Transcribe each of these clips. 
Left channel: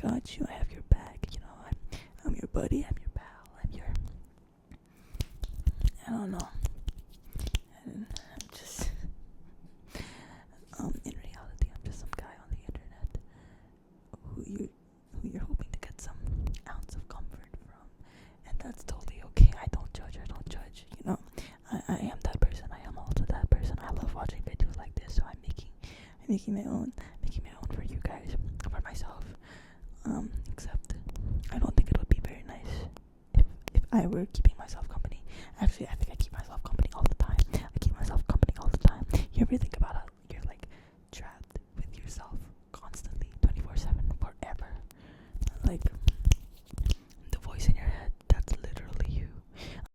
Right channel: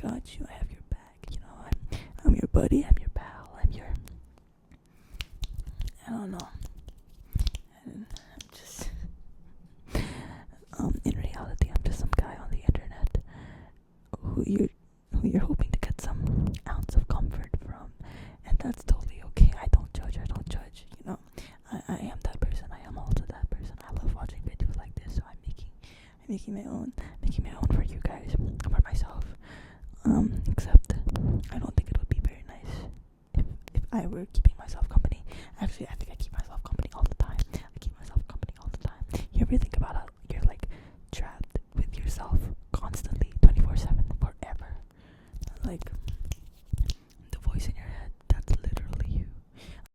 got you. I have your back. I'm your buddy. I'm your pal. I don't know. And I'm just, in reality, I'm just some guy on the internet who you're hoping to get some ounce of comfort from, and that's totally okay. I don't judge. I am that person. I am also that person. I love watching videos like this, so I'm making my own for you guys, for myself. Except I don't think it would be very nice if I were keeping myself company. Actually, I think I keep myself company all the time. You ever think about how you're like trapped with yourself constantly, 24/7, forever? Like the voice in your head, that's literally you.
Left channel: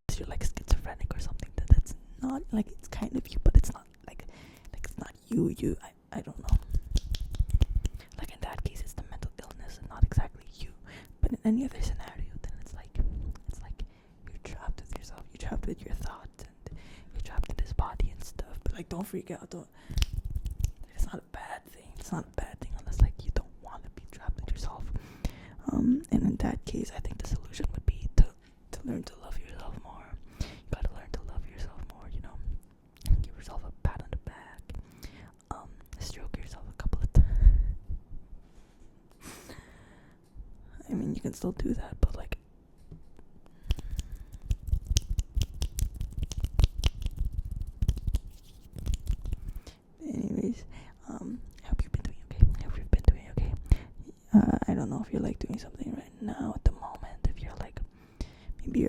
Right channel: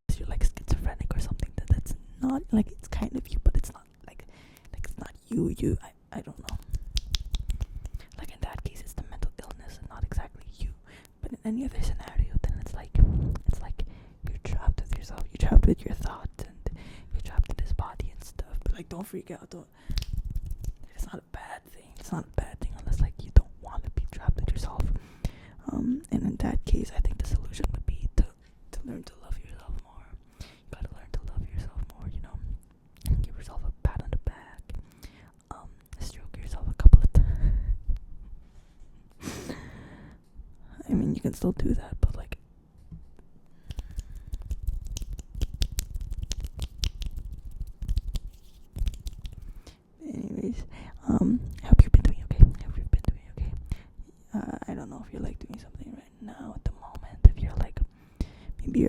Unless you're like schizophrenic or something, that's not like, it's kind of you, but it's not like it's not you. I don't know. Like in that case, it's the mental illness and not exactly you. But in any other scenario, then it's like you're trapped with yourself. You're trapped with your thoughts, and you're trapped in this body and stuff. But like, don't freak out. It's not a bad thing. It's not a bad thing unless like you don't want to be trapped with yourself. And in that case, I think the solution would be to learn to love yourself more. You gotta learn to love yourself more. Give yourself a pat on the back. Stroke yourself a couple of times. I mean, you can still do that, but like, anyways, I hope you've been doing okay. I don't know if you're like doing something right now at the moment. If you're like, maybe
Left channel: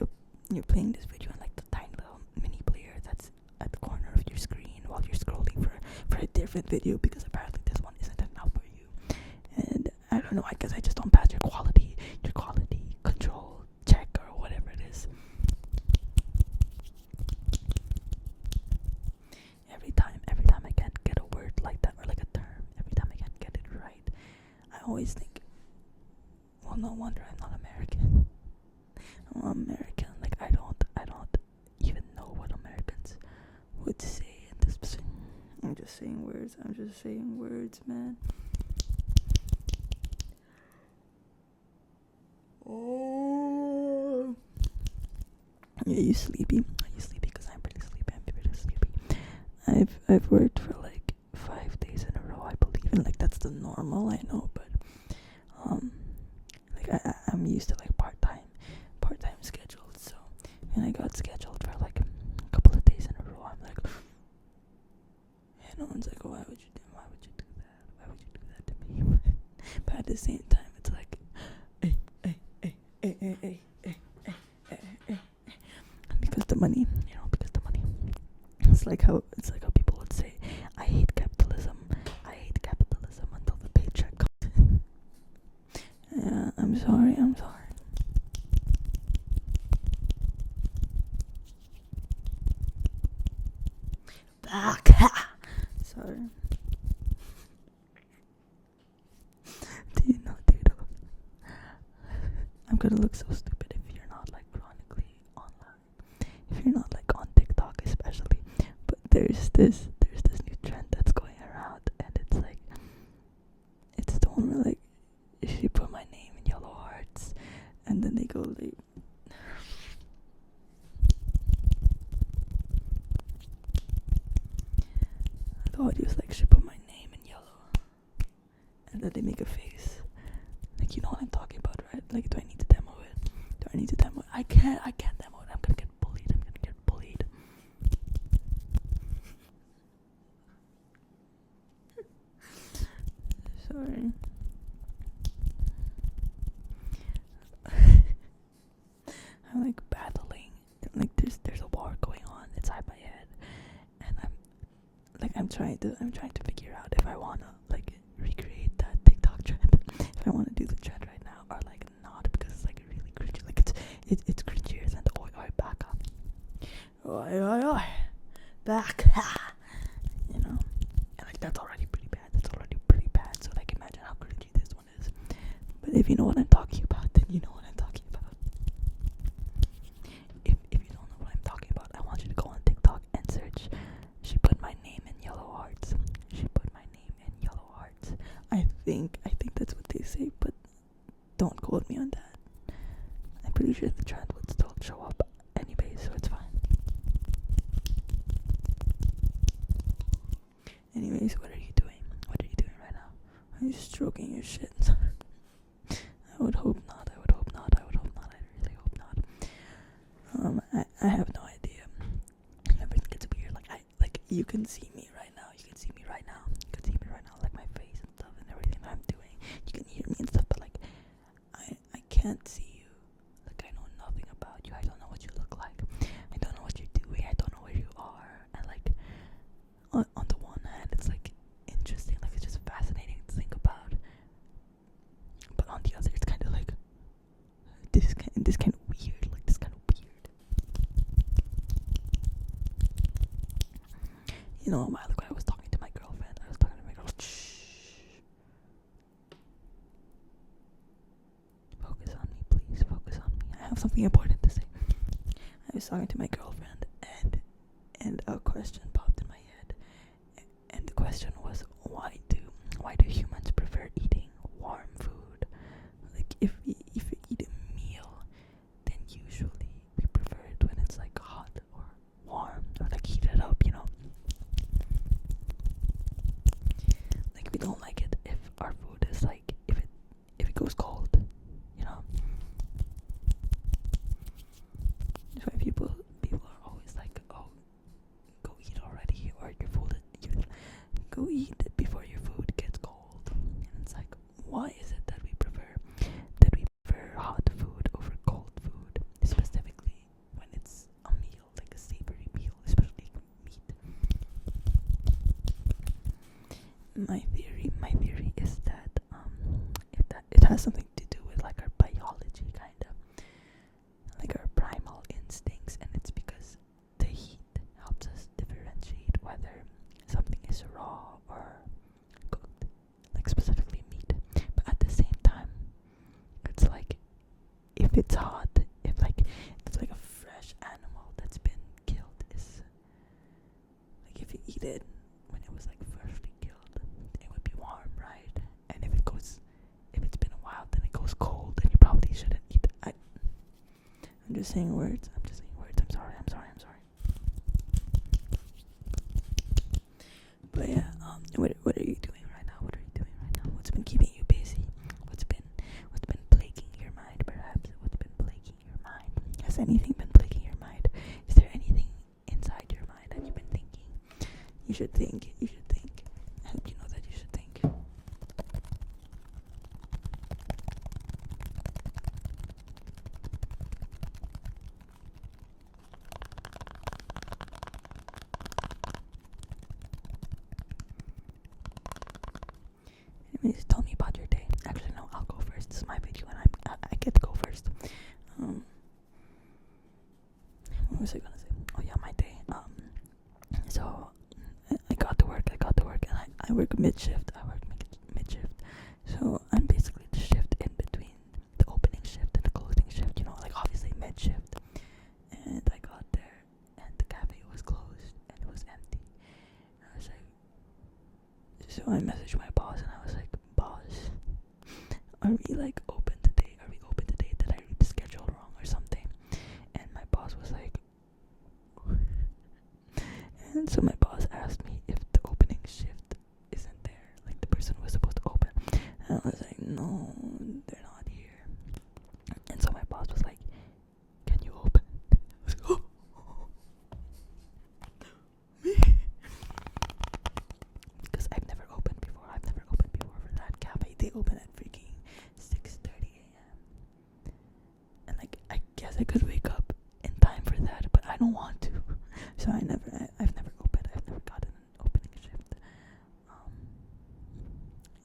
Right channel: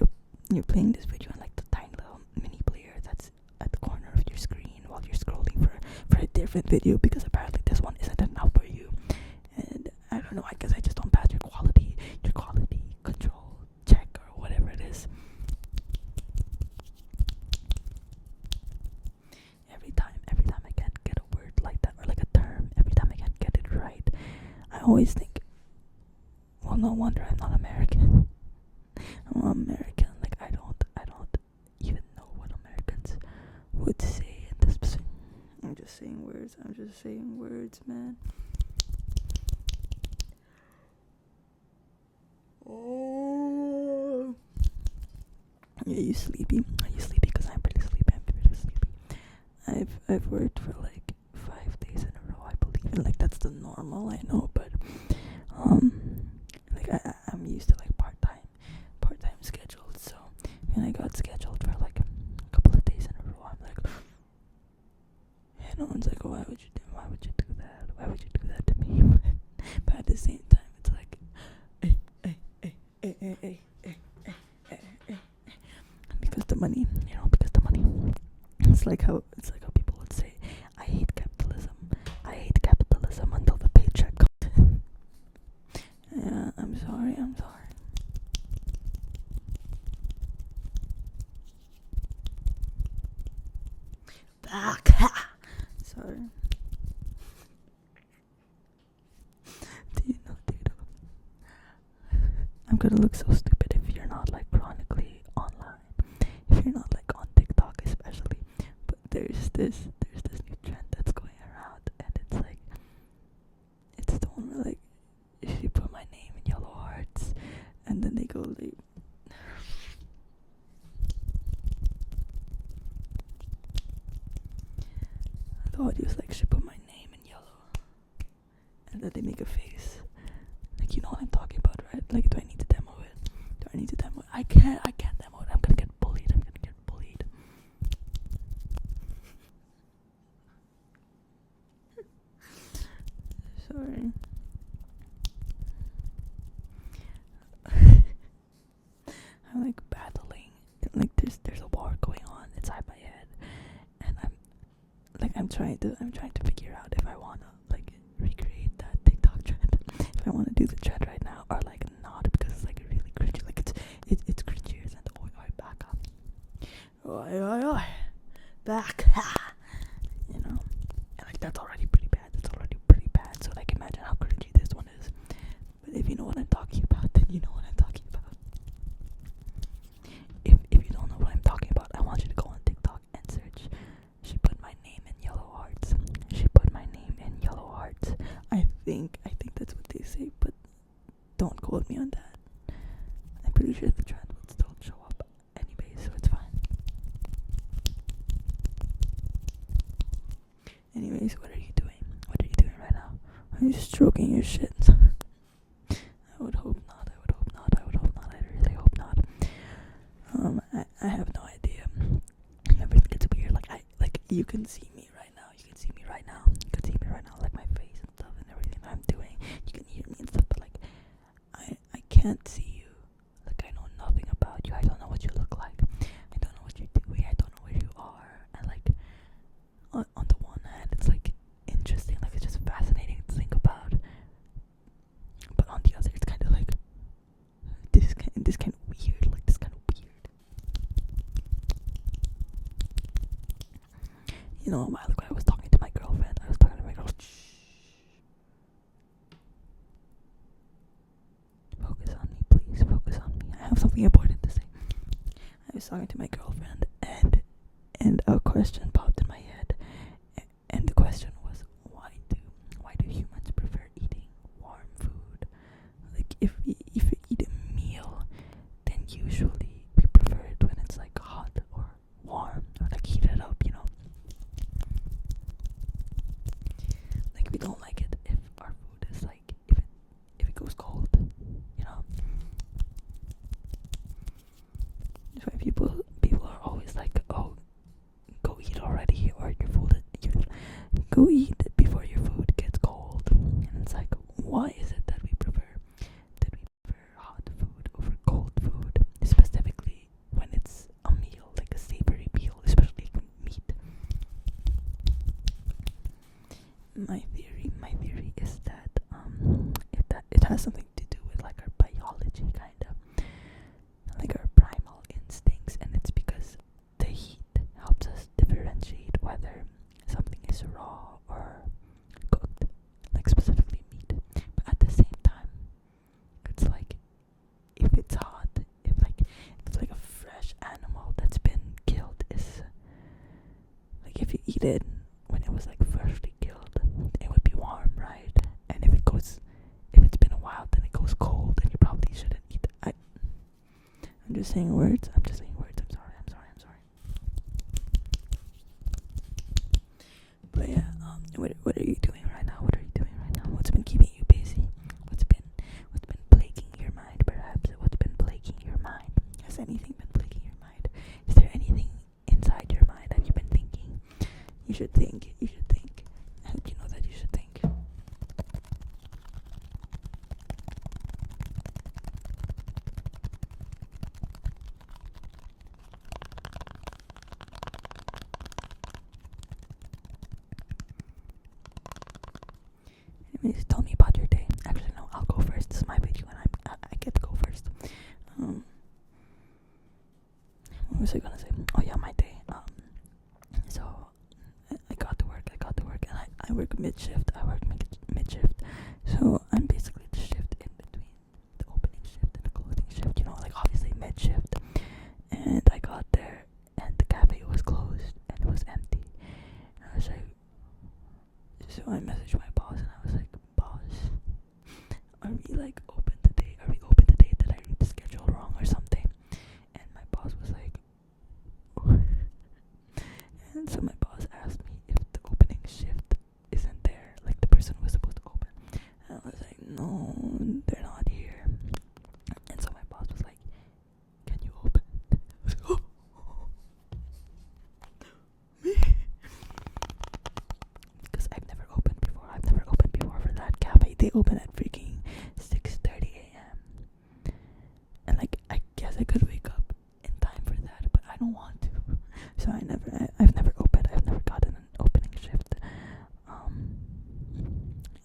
you're playing this video on like the tiny little mini player that's at the corner of your screen while you're scrolling for a different video, because apparently this one isn't enough for you. And I don't know, I guess I just don't pass your quality control check or whatever it is. Every time I can't get a word like that, or like a term, every time I can't get it right, I always think, well, no wonder I'm not American. I'm American. Like, I don't even know what Americans would say in this position. I'm just saying words, man. Oh. Are you sleepy? Because I'm pretty sleepy. I've worked for like 5 days in a row, I believe, and like that's the normal, I know, but like I'm used to like part-time scheduled, so when I got scheduled for like a couple of days in a row, I'm like, and no one's like, oh, why would you do that to me? But at the same time, it's like, hey, because the money. It's like how people would say, I hate capitalism until the paycheck comes in. Yeah, I'm sorry. Sorry. Do you know? I'm gonna look so stupid if you're not like chronically online. If you're not like on TikTok especially. But there's this new trend that's going around, and it's like, it's the one where like she put my name in yellow hearts, and then they go like, the audio's like, she put my name in yellow, and then they make a face. Like, you know what I'm talking about, right? Like, do I need to demo it? I can't demo it. I'm gonna get bullied. Sorry. I'm like battling. Like, there's a war going on inside my head, and I'm trying to figure out if I wanna like recreate that TikTok trend, if I wanna do the trend right now or like not, because it's like really cringy. Like it's cringier than the oi back up. Oi back, and like that's already pretty bad. So like, imagine how cringy this one is. But if you know what I'm talking about, then you know what I'm talking about. If you don't know what I'm talking about, I want you to go on TikTok and search, she put my name in yellow hearts. I think that's what they say, but I'm just stroking your shit. I would hope not. I really hope not. I have no idea. Everything gets weird. Like you can see me right now. You can see me right now. Like my face and stuff and everything that I'm doing. You can hear me and stuff, but like I can't see you. Like I know nothing about you. I don't know what you look like. I don't know what you're doing. I don't know where you are. And like on the one hand, it's like interesting. Like it's just fascinating to think about. But on the other, it's kind of like this kind of weird. Like this kind of weird. You know, a while ago I was talking to my girlfriend. Shh. Focus on me, please. Focus on me. I have something important to say. I was talking to my girlfriend, and a question popped in my head, and the question was, why do humans prefer eating warm food? Like if we eat a meal, then usually we prefer it when it's like hot or warm or like heated up, you know. Like we don't like it if our food is like if it goes cold, you know. That's why people are always like, oh, go eat already, or go eat before your food gets cold. And it's like, why is it that we prefer hot food over cold food, specifically when it's a meal, like a savory meal, especially meat? My theory is that it has something to do with like our biology, kind of like our primal instincts, and it's because the heat helps us differentiate whether something is raw or cooked, like specifically meat. But at the same time, it's like if it's hot, if it's like a fresh animal that's been killed, is like if you eat it when it was like freshly killed, it would be warm, right? And if it's been a while, then it goes cold, and you probably shouldn't eat it. I'm just saying words. I'm sorry. But yeah, what are you doing right now? What's been keeping you busy? What's been plaguing your mind? Perhaps what's been plaguing your mind? Has anything been plaguing your mind? Is there anything inside your mind that you've been thinking? You should think. I hope you know that you should think. Anyways, tell me about your day. Actually, no, I'll go first. This is my video, and I get to go first. What was I gonna say? Oh yeah, my day. So I got to work, and I work mid shift. So I'm basically the shift in between the opening shift and the closing shift. You know, like obviously mid shift. And I got there, and the cafe was closed, and it was empty. And I was like, so I messaged my boss, and I was like, boss, are we like open today? Did I read the schedule wrong or something? And my boss was like, and so my boss asked me if the opening shift isn't there, like the person was supposed to open. And I was like, no, they're not here. And so my boss was like, can you open? I was like, oh, me? Because I've never opened before for that cafe. They open at freaking 6:30 a.m. And like, I guess I could wake up in time for that, but I don't want to. So I've never gotten an opening shift.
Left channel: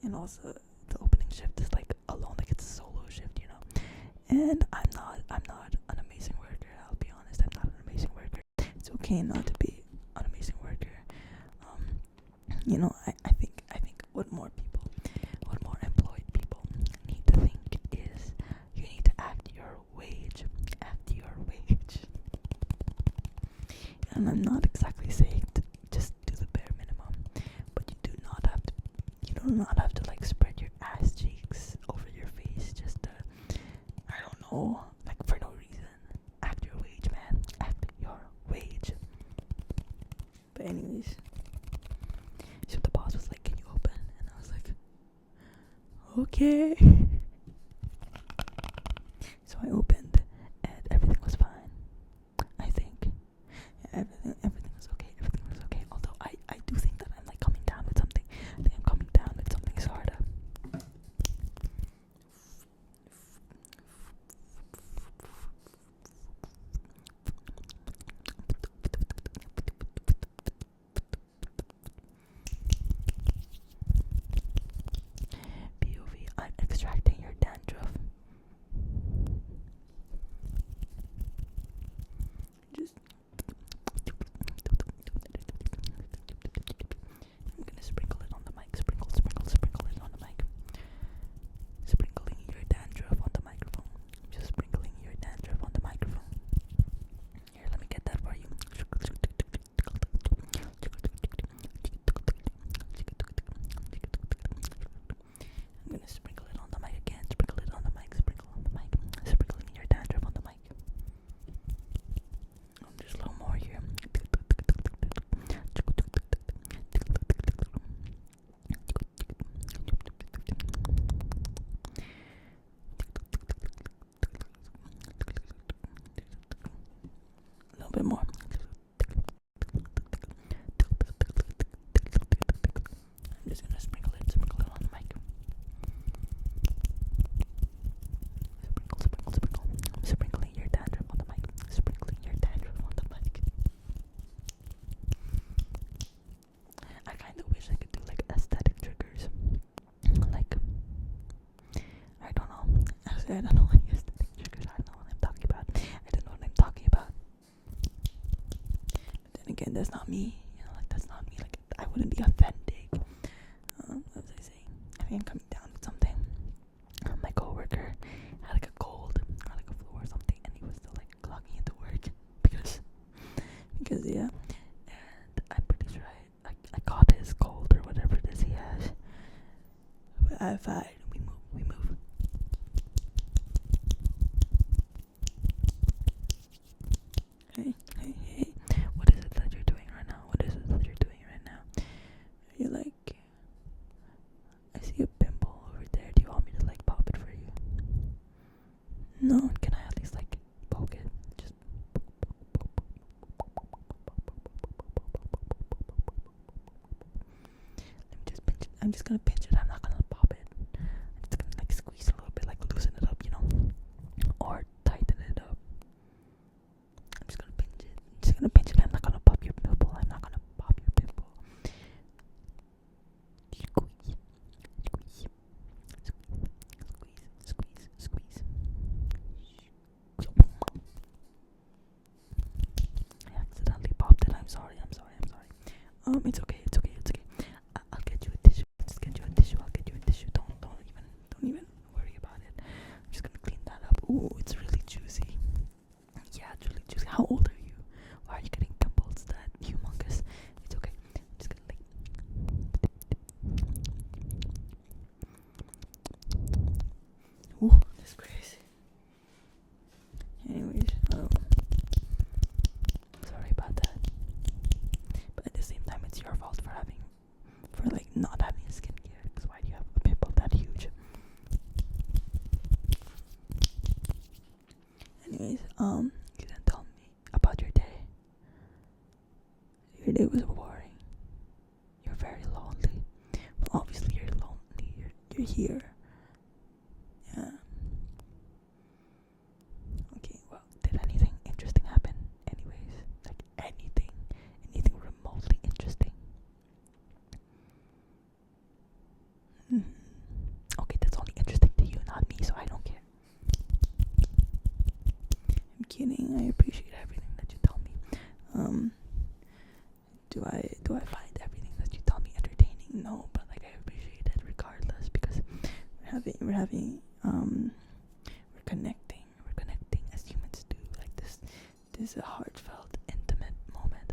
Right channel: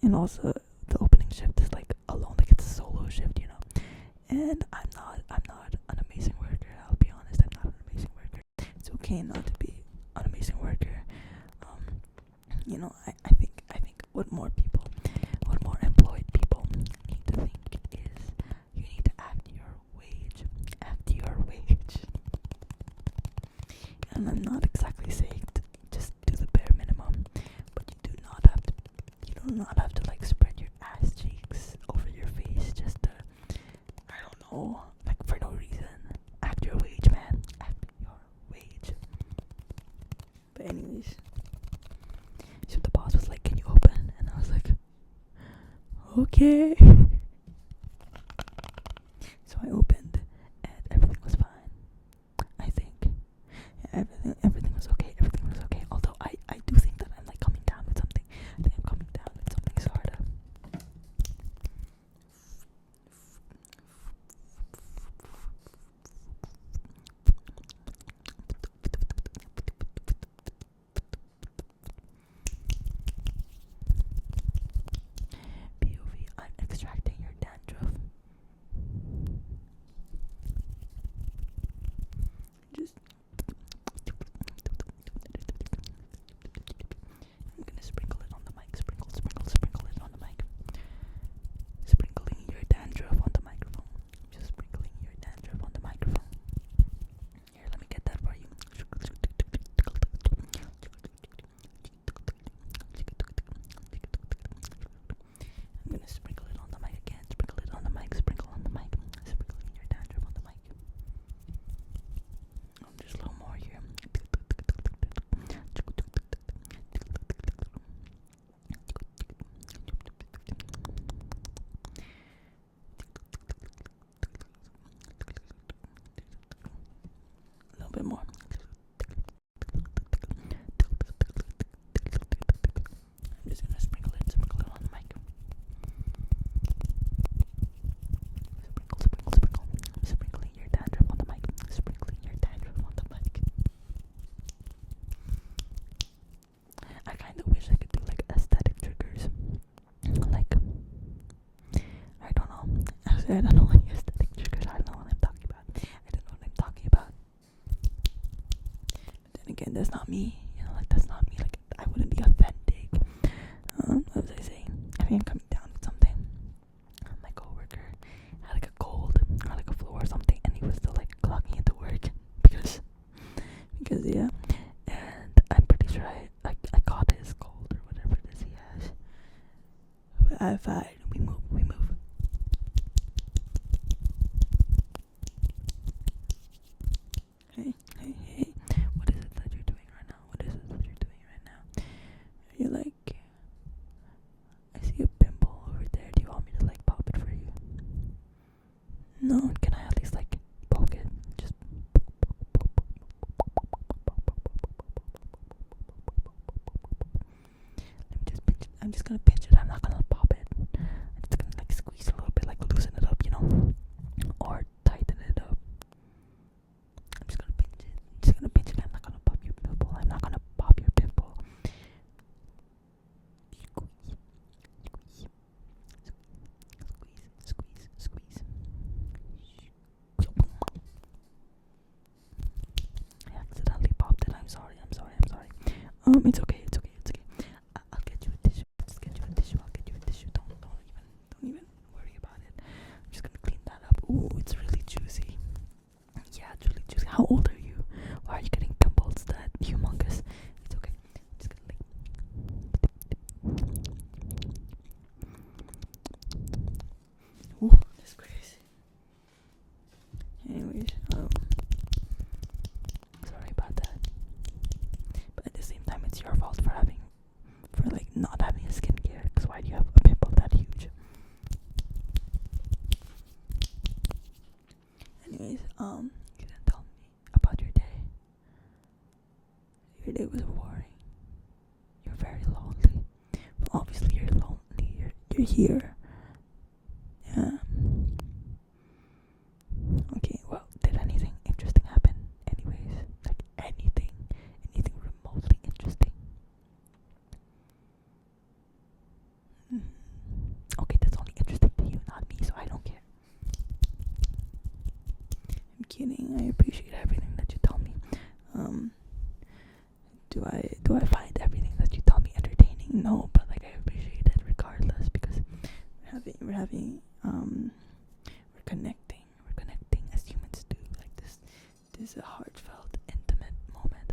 And also the opening shift is like alone, like it's a solo shift, you know. And I'm not an amazing worker. I'll be honest, I'm not an amazing worker. It's okay not to be an amazing worker. You know, I think what more employed people need to think is you need to act your wage. And I'm not exactly saying to just do the bare minimum, but you do not have to like spread your ass cheeks over your face just to, I don't know, like for no reason. Act your wage, man. Act your wage. But anyways, so the boss was like, can you open? And I was like, Okay. So I opened, and everything was fine. I think everything was okay. Everything was okay. Although I do think that I'm like coming down with something. I think I'm coming down with something sort of. POV, I'm extracting your dandruff. Just I'm gonna sprinkle it on the mic. Sprinkle it on the mic. Sprinkling your dandruff on the microphone. Just sprinkling your dandruff on the microphone. Here, let me get that for you. I'm gonna sprinkle it on the mic again. Sprinkle it on the mic. Sprinkle on the mic. Sprinkling your dandruff on the mic. There's a little more here. A little bit more. I'm just gonna sprinkle it on the mic. Sprinkle. I'm sprinkling your dandruff on the mic. Sprinkling your dandruff on the mic. I kind of wish I could do like aesthetic triggers. Like, I don't know. Actually, I don't know any aesthetic triggers. I don't know what I'm talking about. But then again, that's not me. You know, like that's not me. Like I wouldn't be authentic. What was I saying? I think I'm coming down with something. My coworker had like a cold or like a flu or something, and he was still like clocking into work because yeah. And I'm pretty sure I caught his cold or whatever it is he has. But I'm fine. We move. Hey. What is it that you're doing right now? You're like, I see a pimple over there. Do you want me to like pop it for you? No, can I at least like poke it? Just let me just pinch it. I'm just gonna pinch it. I'm not gonna pop it. I'm just gonna like squeeze a little bit, like loosen it up, you know, or tighten it up. I'm just gonna pinch it. I'm not gonna pop your pimple. Squeeze. I accidentally popped it. I'm sorry. It's okay. I'll get you a tissue. Don't even worry about it. I'm just gonna clean that up. Ooh, it's really juicy. Yeah, it's really juicy. How old are you? Why are you getting pimples that humongous? It's okay. I'm just gonna like. Ooh, that's crazy. Anyways, sorry about that. But at the same time, it's your fault for like not having a skincare. Because why do you have a pimple that huge? Anyways, you didn't tell me about your day. Your day was boring. You're very lonely. Well, obviously you're lonely. You're here. Yeah. Okay, well, did anything interesting happen? Anyways, like anything remotely interesting. Okay, that's only interesting to you, not me, so I don't care. I'm kidding. I appreciate everything that you tell me. Do I find everything that you tell me entertaining? No, but like I appreciate it regardless because we're connecting as humans do. Like this is a heartfelt, intimate moment.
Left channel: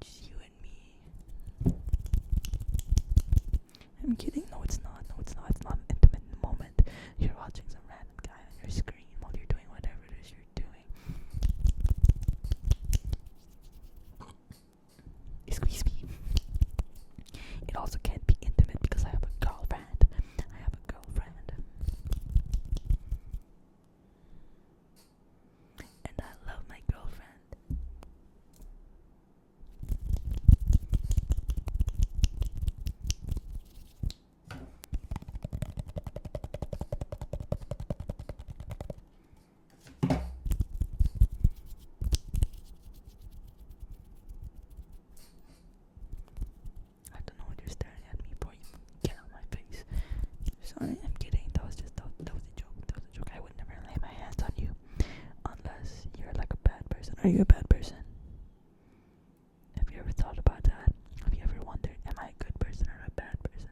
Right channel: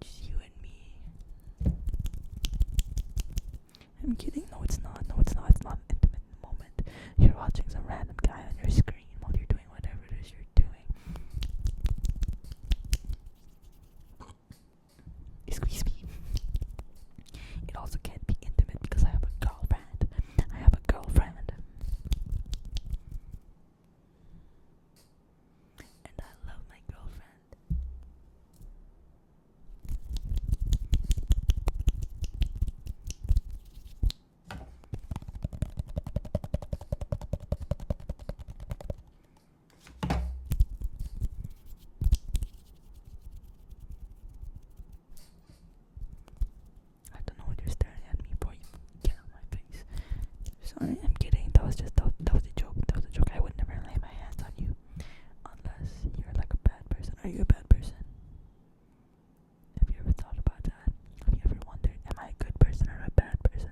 Just you and me. I'm kidding. No, it's not. It's not an intimate moment. You're watching some random guy on your screen while you're doing whatever it is you're doing. Excuse me. It also can't be intimate because I have a girlfriend. Are you a bad person? Have you ever thought about that? Have you ever wondered, am I a good person or a bad person?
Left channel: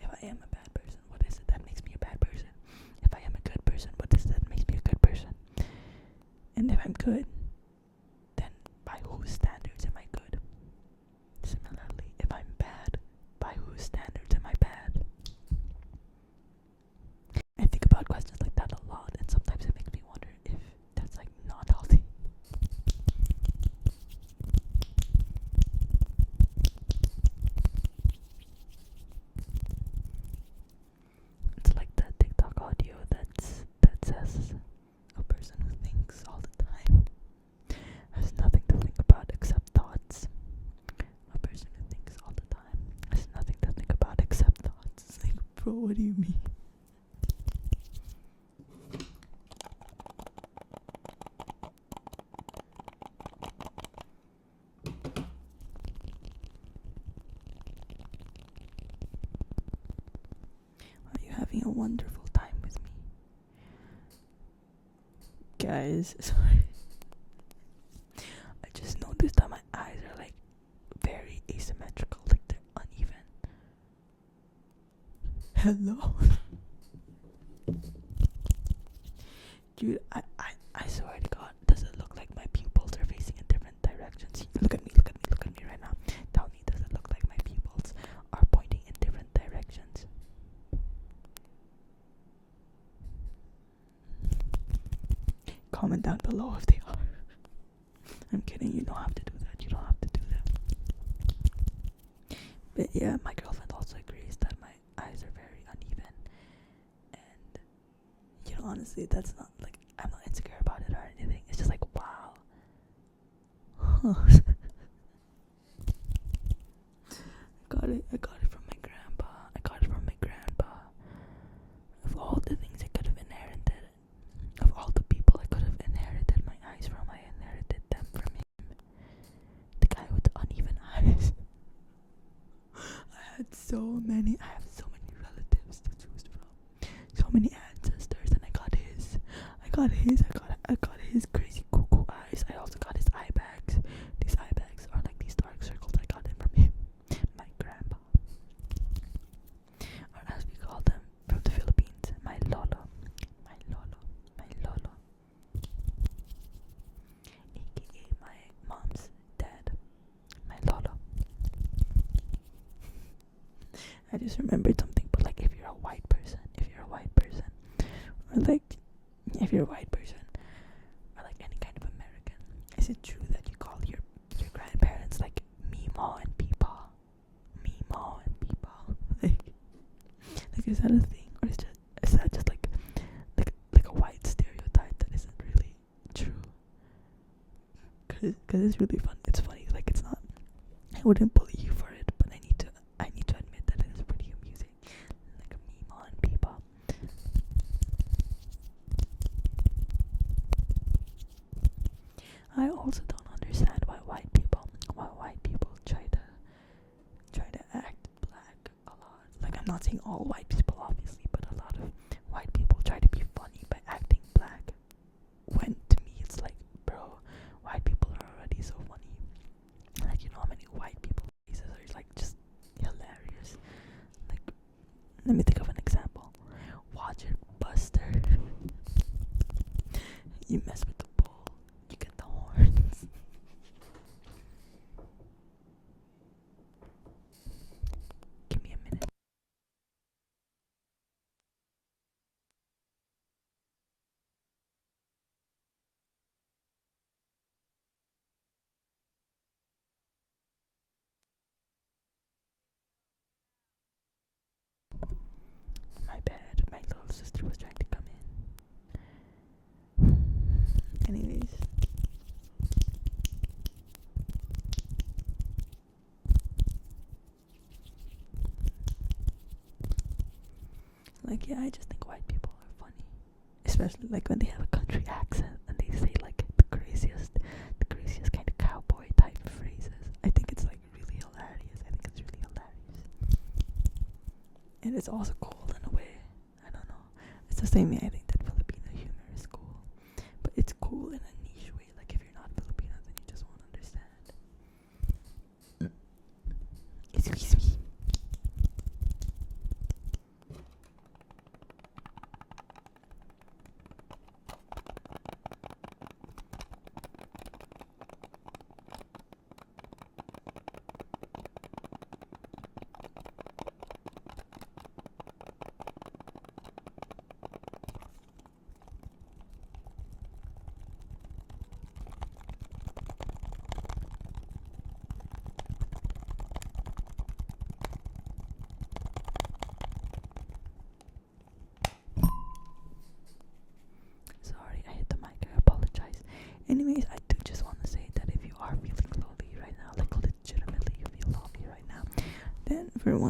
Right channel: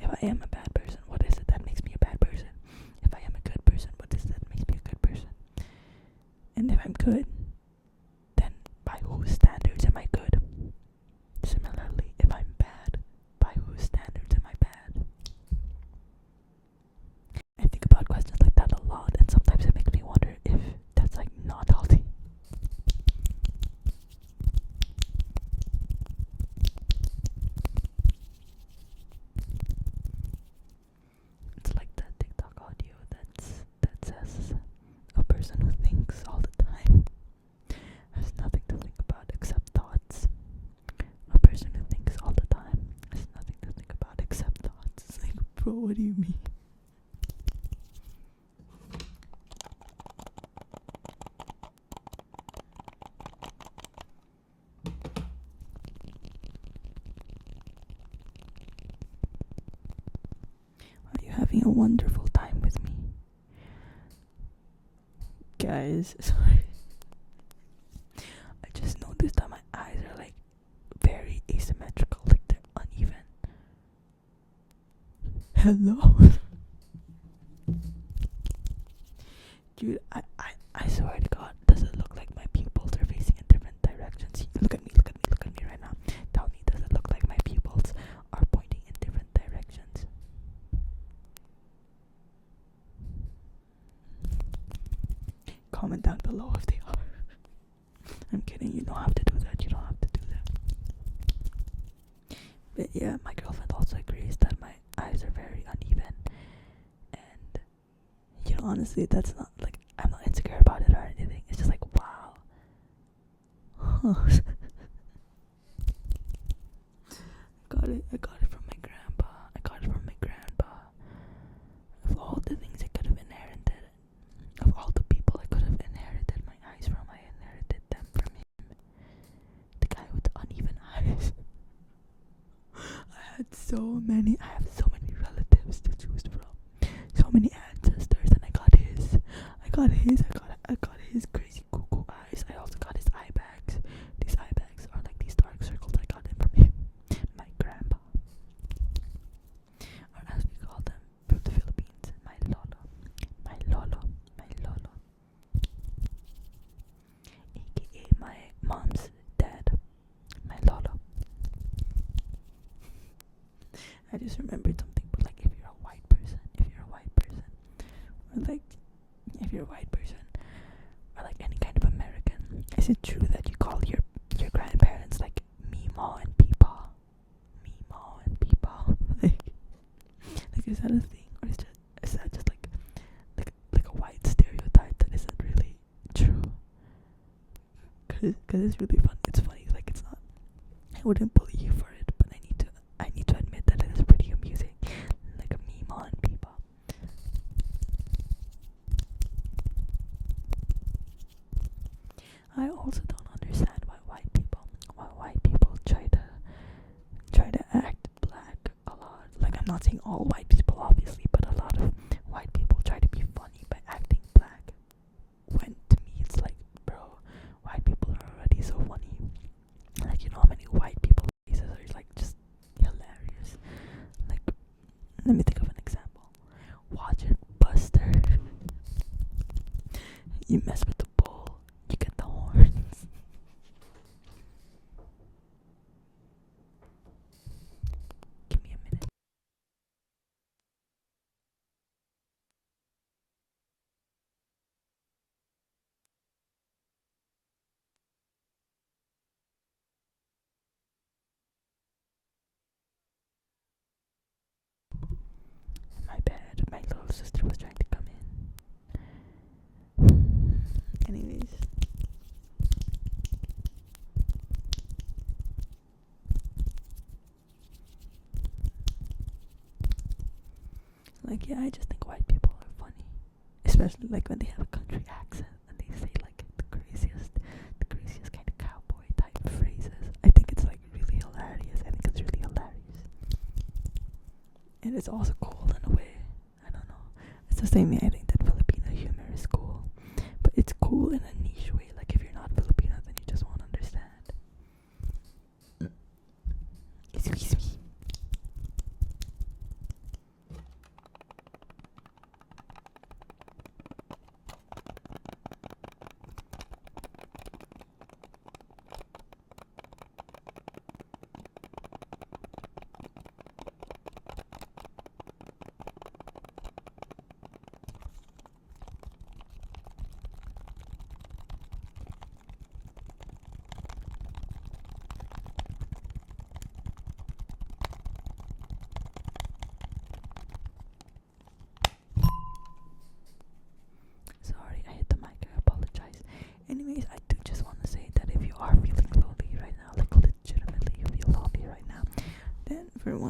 If I am a bad person, what is it that makes me a bad person? If I am a good person, what is it that makes me a good person? And if I'm good, then by whose standards am I good? Similarly, if I'm bad, by whose standards am I bad? I think about questions like that a lot, and sometimes it makes me wonder if that's like not healthy. It's like that TikTok audio that says a person who thinks all the time has nothing to think about except thoughts. A person who thinks all the time has nothing to think about except thoughts. It's like, bro, what do you mean? Are you having a wonderful time with me? Guys, sorry. I just noticed that my eyes are like very asymmetrical, like they're uneven. Hello? Dude, I swear to God, does it look like my pupils are facing in different directions? Look at me right now. Tell me, does it look like my pupils are pointing in different directions? Comment down below if they are. I'm kidding, you don't have to do that. But yeah, my girlfriend also agrees that my eyes are very uneven. And, honestly, that's not, like, I'm not insecure about it or anything. It's just like, wow. I got it from my grandpa. Of all the things I could have inherited, of all the people I could have inherited my eyes from, I inherited them from him. The guy with the uneven eyes. I have so many relatives to choose from. So many ancestors, and I got his crazy cuckoo eyes. I also got his eye bags. These eye bags are like these dark circles. I got them from him. My grandpa. Or as we call them from the Philippines, my lolo. AKA my mom's dad. My lolo. I just remembered something, but like if you're a white person, or like if you're a white person, or like any kind of American, is it true that you call your grandparents like Mimo and Peepaw? Like is that a thing, or is that just like a white stereotype that isn't really true? Cause it's really fun. It's funny. Like it's not. I wouldn't bully you for it, but I need to admit that it is pretty amusing. Like a Mimo and Peepaw. I also don't understand why white people try to act black a lot. Like I'm not saying all white people obviously, but a lot of white people try to be funny by acting black. When to me it's like, bro, white people are already so funny. Like how many white people faces are like just hilarious. Like let me think of an example. Watch it, Buster. You mess with the bull, you get the horns. Give me a minute. My bad, my little sister was trying to come in. Anyways. Like, yeah, I just think white people are funny. Especially like when they have a country accent and they say like the craziest kind of cowboy type phrases. I think it's like really hilarious. And it's also cool in a way. I don't know. It's the same way I think that Filipino humor is cool. But it's cool in a niche way. Like if you're not Filipino,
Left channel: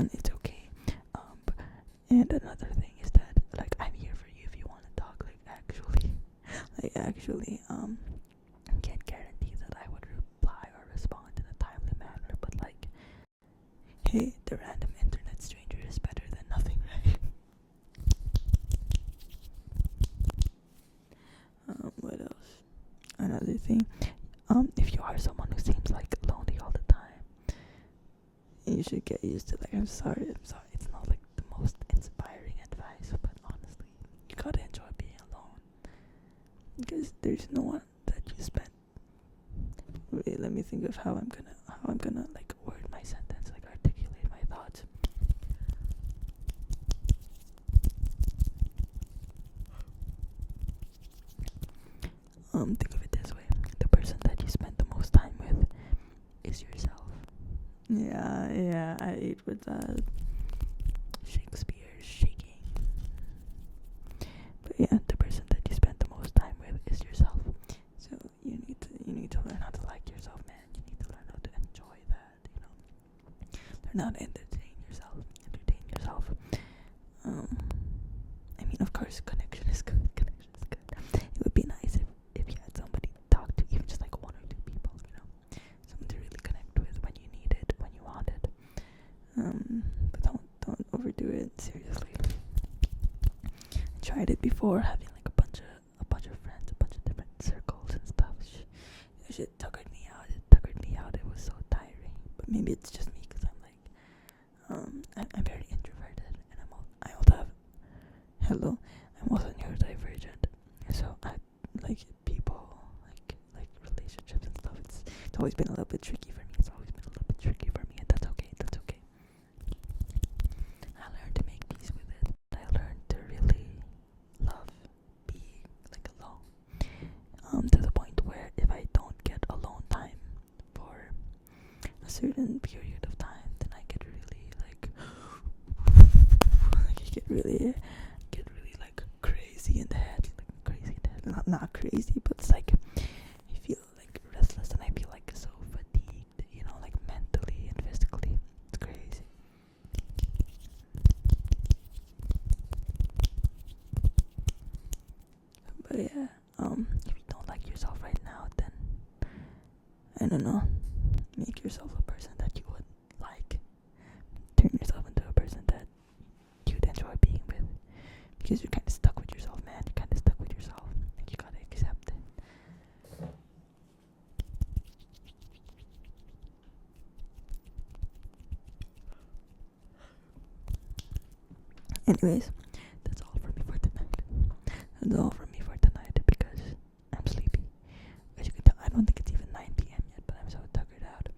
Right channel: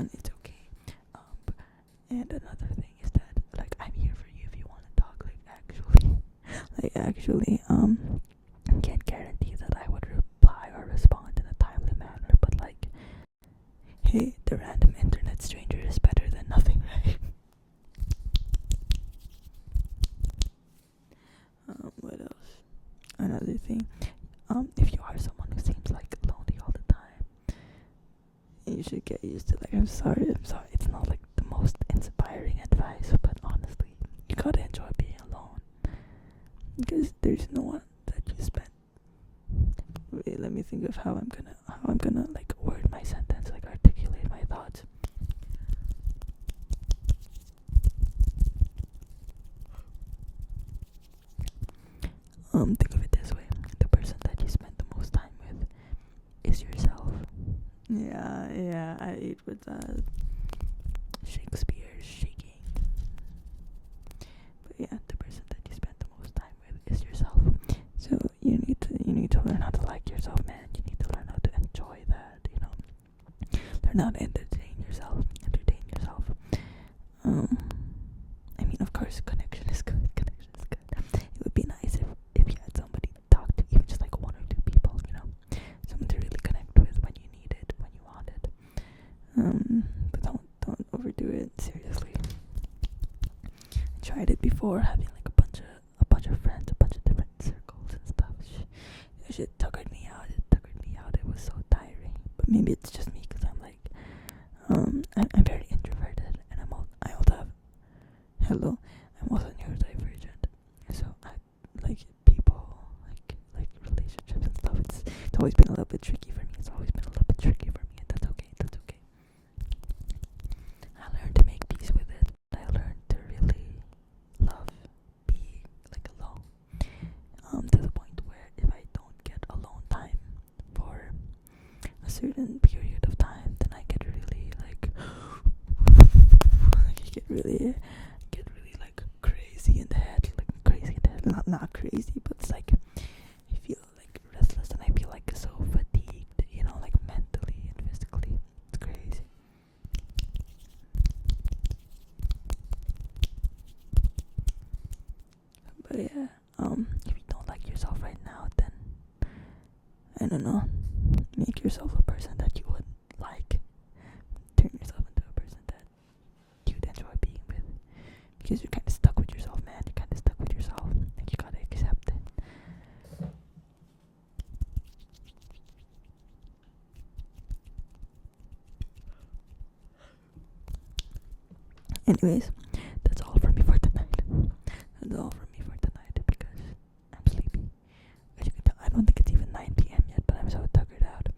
on, it's okay. And another thing is that, like, I'm here for you if you want to talk. Can't guarantee that I would reply or respond in a timely manner, but like, hey, the random internet stranger is better than nothing, right? What else? Another thing, if you are someone who seems like lonely all the time, you should get used to, like, I'm sorry, it's not like the most inspiring advice, but honestly, you gotta enjoy being alone, because there's no one that you spend. Wait, let me think of how I'm gonna like word my sentence, like articulate my thoughts. Think of it this way: the person that you spend the most time with is yourself. Yeah, I ate with that. Shakespeare shaking. But yeah, the person that you spend the most time with is yourself. So you need to learn how to like yourself, man. You need to learn how to enjoy that, you know. Learn how to entertain yourself. I mean, of course, connection is good. It would be nice if you had somebody to talk to, even just like one or two people, you know, someone to really connect with when you need it, when you want it. But don't overdo it. Seriously, I tried it before, having like a bunch of friends, a bunch of different circles and stuff. Shit tuckered me out. It was so tiring. But maybe it's just me, because I'm like, I'm very introverted, and I also have, hello, I'm also neurodivergent. So I like people, like relationships and stuff. It's always been a little bit tricky for me. And that's okay. I learned to make peace with it. I learned to really love being like alone. To the point where if I don't get alone time for a certain period of time, then I get really like I get really like crazy in the head, not crazy, but it's like I feel like restless, and I feel like so fatigued, you know, like mentally and physically. It's crazy. But yeah, if you don't like yourself right now, then I don't know, make yourself a person that you would like. Turn yourself into a person that you'd enjoy being with, because you're kind of stuck with yourself, man. Like, you gotta accept it. Anyways, that's all from me for tonight. Because I'm sleepy. As you can tell, I don't think it's even 9 p.m. yet, but I'm so tuckered out.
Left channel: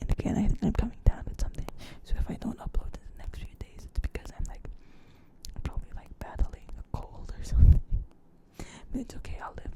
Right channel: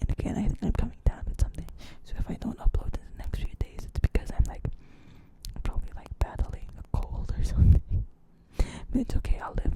And again, I think I'm coming down with something. So if I don't upload in the next few days, it's because I'm probably like battling a cold or something. But it's okay. I'll live